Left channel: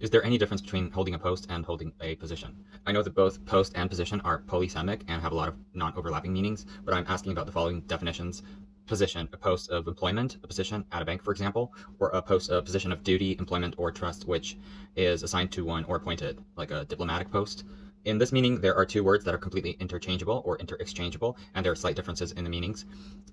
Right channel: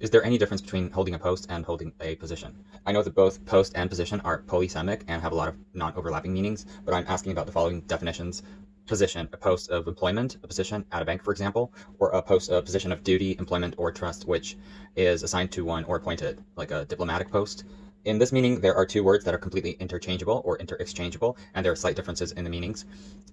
Is there any difference between holding a post and holding a position? I know that both post and position are polysemic and have a lot of non-overlapping meanings, but I'm asking about the following definitions. Position, a post of employment, a position at a bank, for example, or a position of duty, employment, or trust, which is assigned to one or appointed, like a diplomatic post. In this meaning, there are two words that are completely interchangeable or interexchangeable, and there are slight differences in the meanings.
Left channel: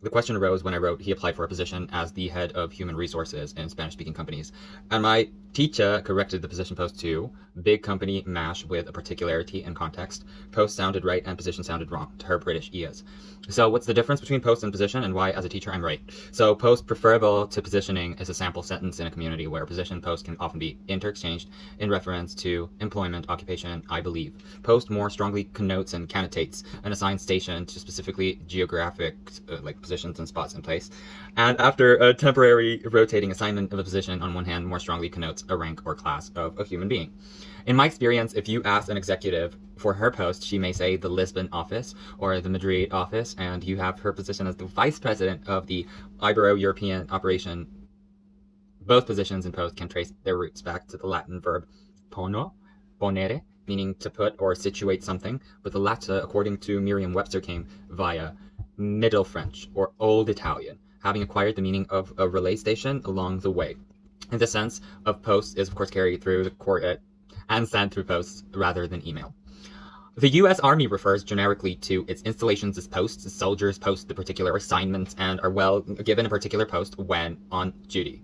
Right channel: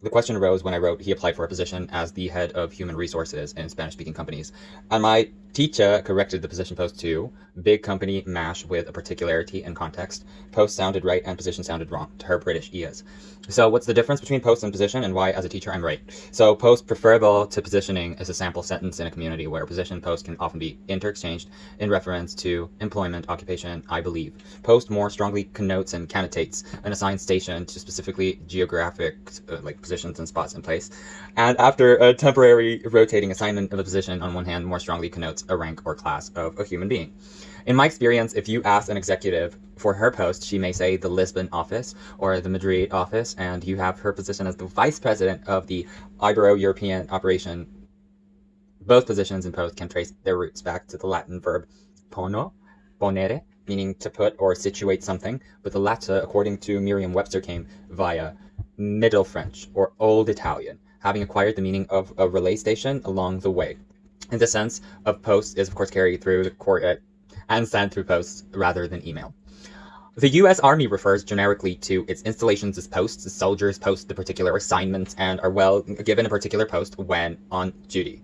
The question arose when I wrote he applied for a position as the head of human resources in Spanish-speaking companies, and my teacher corrected the position post to big company mash with a particularity and context. Post sounded right and position sounded wrong to her British ears. So what's the difference between post and position, and why as a teacher I'm right? So post preferable to positioning is a sample sentence in a community where position and post can often be interexchanged in reference to employment, occupation, I believe. Post more strongly connotes and connotates an assigned station to specifically geographic like positions and spots in place. And after a temporary rotating assignment of a position on one hand more strongly connotes a rank or class of a human being. In my experience, if you ask an executive for her post, she may say the Lisbon office or the Madrid office, and you have her position as the vice president of the Ibero-European operation. Both positions in post can trace their roots back to the Latin verb pono, ponere, meaning to put or situate something, but the latter, according to Merriam-Webster, came via Middle French or Old Italian, having acquired the meaning of a relay station along the way. And the sense of post is, of course, carried through the court and sent through posts rather than email. The U.S. Army refers generically to its installations as posts. The soldiers post the particular assignments and are given a particular post when on duty.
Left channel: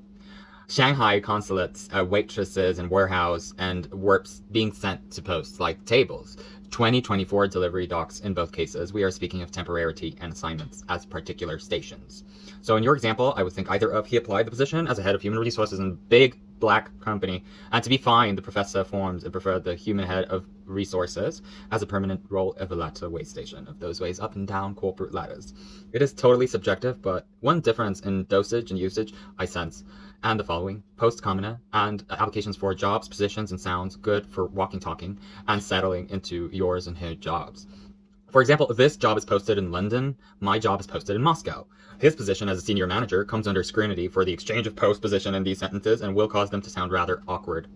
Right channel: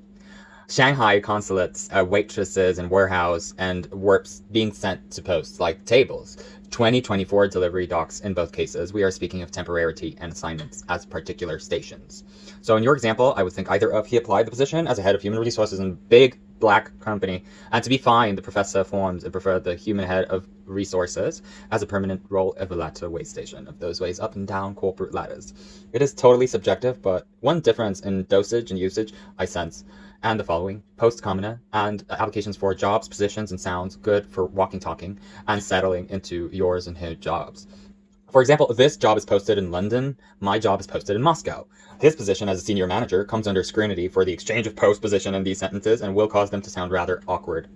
Shanghai consulates, waitresses in warehouse, and warps being sent to posts like tables. 2024 delivery docks in both cases. We are speaking of temporarity and assignments as particular stations. So in your example, I would think either of he applied the position as a head of human resources in a big black company, and to be fine, the professor forms and preferred the human head of resources as a permanent role of the latter way station of those ways up and down corporate ladders. It is totally subjective, but one difference in dosage and usage I sense, and the following: post commoner and applications for jobs, positions, and sounds good for walking, talking, and settling into yours and his jobs. For example, this job is posted in London, my job is posted in Moscow. His position as a senior manager comes under scrutiny for the exchange of post position in these sentences and will cause them to sound rather awkward.